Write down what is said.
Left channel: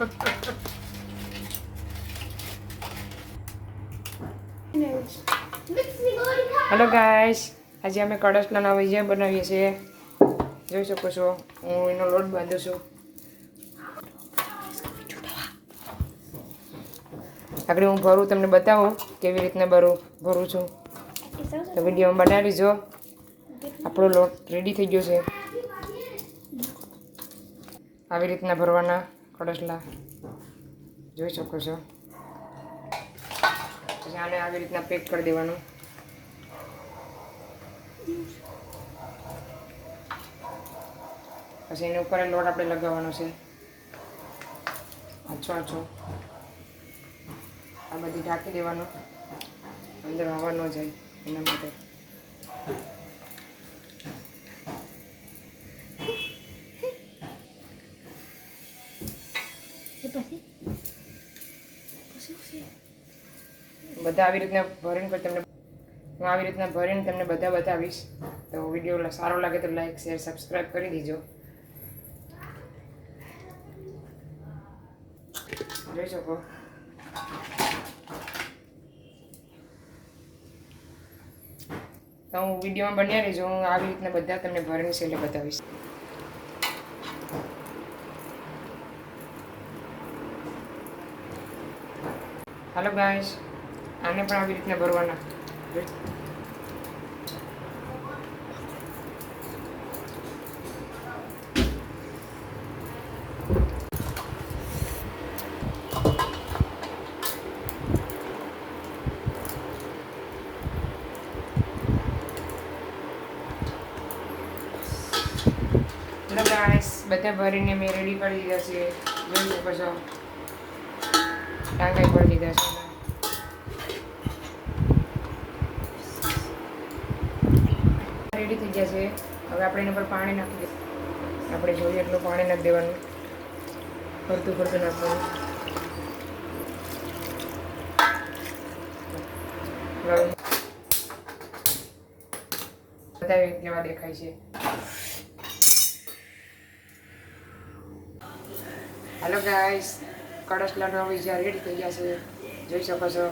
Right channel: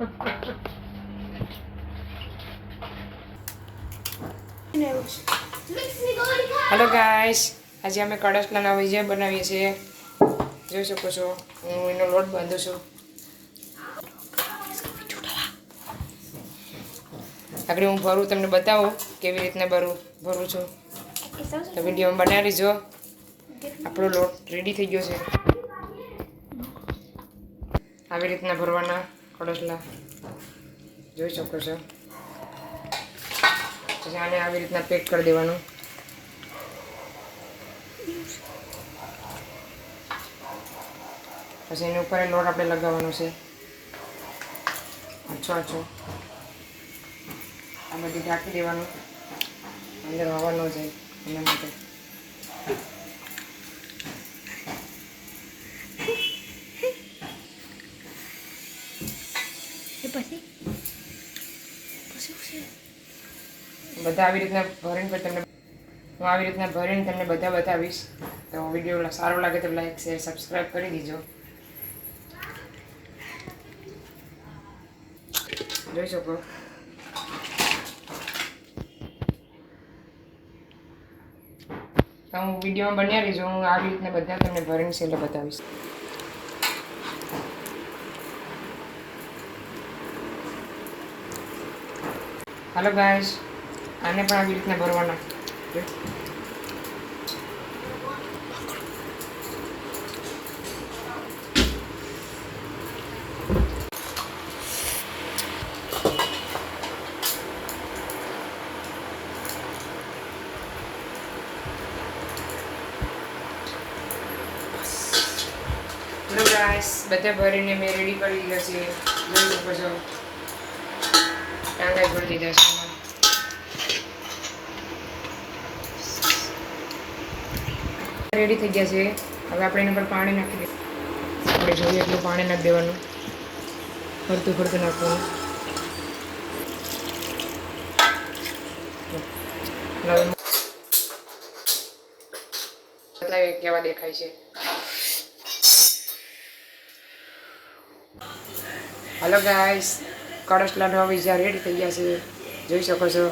Hello guys આજે અમે કડસના નાવે જે બનાવીએ છીએ. જોઈ શકો છો, હું એનો લોટ બાંધું છું. આગળ હું ભરું, તમને બતાવો કેવી રીતને ભરું ભરું છું. તો વિડીયોમાં બનાવી જો આપણો લોટ રેડી થઈ ગયો છે. આવી રીતના ભરવાના. કડસલા જોઈ શકો છો. પછી આને આવી રીતના પેક કરી દેવાનું. પછી એની ઉપર લોટ આપણે લગાવવાનો છે. આછો આછો. આ બધી ઢાંકી દેવાનું. અંદર હવા ન જાય એના માટે. બધા આવી રીતના ભરીને પછી તમને હું આવી રીતના ભરીને તમને બધા બતાવીશ. તો વીડિયો સારો લાગે તો લાઈક શેર સબસ્ક્રાઈબ કરી દીજો. જોઈ શકો. તો હું વિડીયોમાં બન્યા રહીશ હું આવી રીતના બધા તમને ભરીને છેલ્લે બતાવીશ. હાલો ગાઈસ આને પણ આવી રીતના ભરવાના. બધા ભરીને મેં રેડી કરી દીધા છે. જોઈ શકો ટાંગાઈ ભરી લીધા છે. રેડી થઈ ગયા છે. હવે આપણે એના પર પાણી નાખી દઈએ. આપણે જોઈએ એટલું પાણી નાખી દેવાનું. ફરતું ફરતું નાખવાનું. કેવા દેખાય છે. હલો ગાઈસ કડસ લાડવા બીજા રેડી થઈ ગયા છે. જોઈ શકો છો.